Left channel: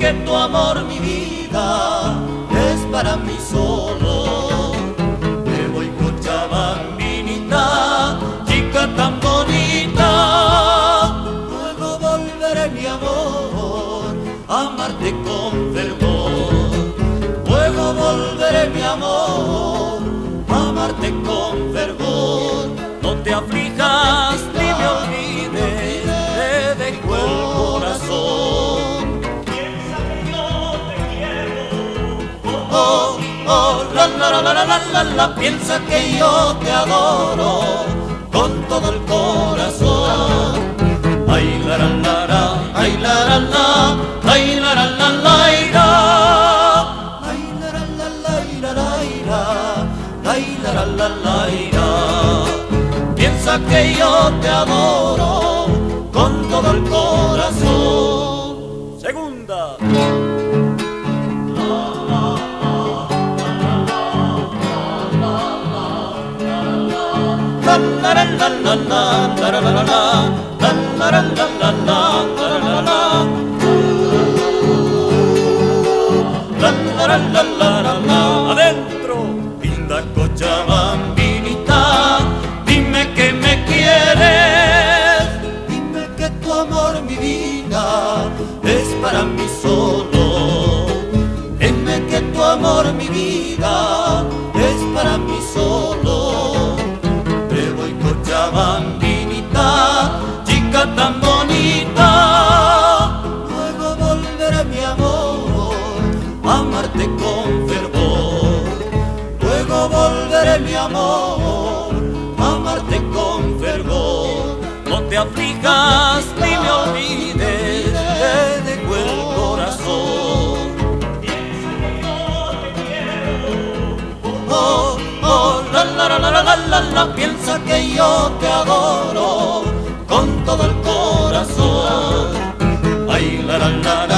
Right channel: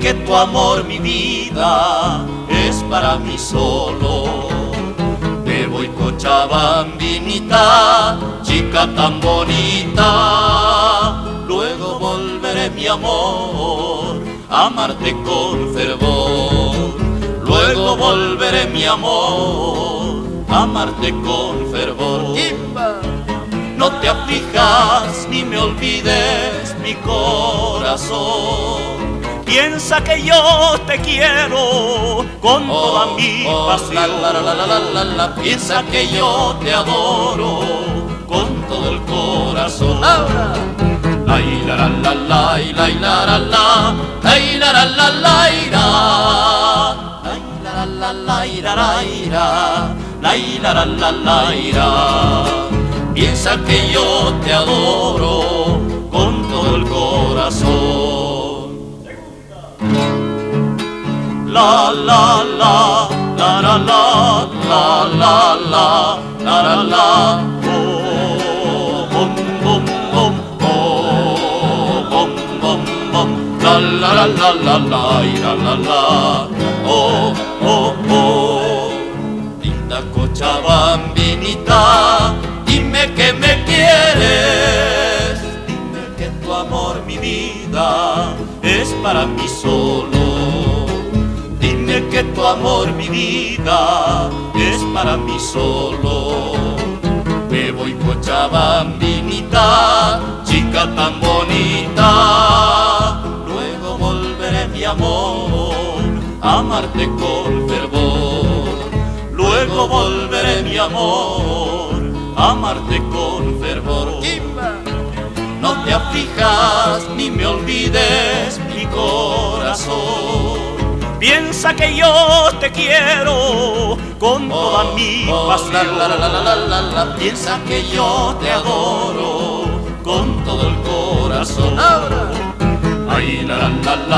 que tu amor, mi vida, es para mí solo. Me voy Cochabambinita, chica tan bonita. Luego volveré, mi amor, a amarte con fervor. Luego volveré, mi amor, a amarte con fervor. No te aflijas, ni me olvides, mi corazón. Piensa que yo te quiero con toda mi pasión. Piensa que yo te adoro con todo el corazón. Ay, la la la la, ay, la la la, ay, la la la la, ay, la la la la, ay, la la la la. Piensa que yo te adoro con todo el corazón. Segunda. La la la, la la la, la la la, la la la, la la la la la, la la la. Linda Cochabambinita, dime que me quieres, dime que tu amor, mi vida, es para mí solo. Dime que tu amor, mi vida, es para mí solo. Me voy Cochabambinita, chica tan bonita. Luego volveré, mi amor, a amarte con fervor. Luego volveré, mi amor, a amarte con fervor. No te aflijas, ni me olvides, mi corazón. Piensa que yo te quiero con toda mi pasión. Piensa que yo te adoro con todo el corazón. Ay, la la la la.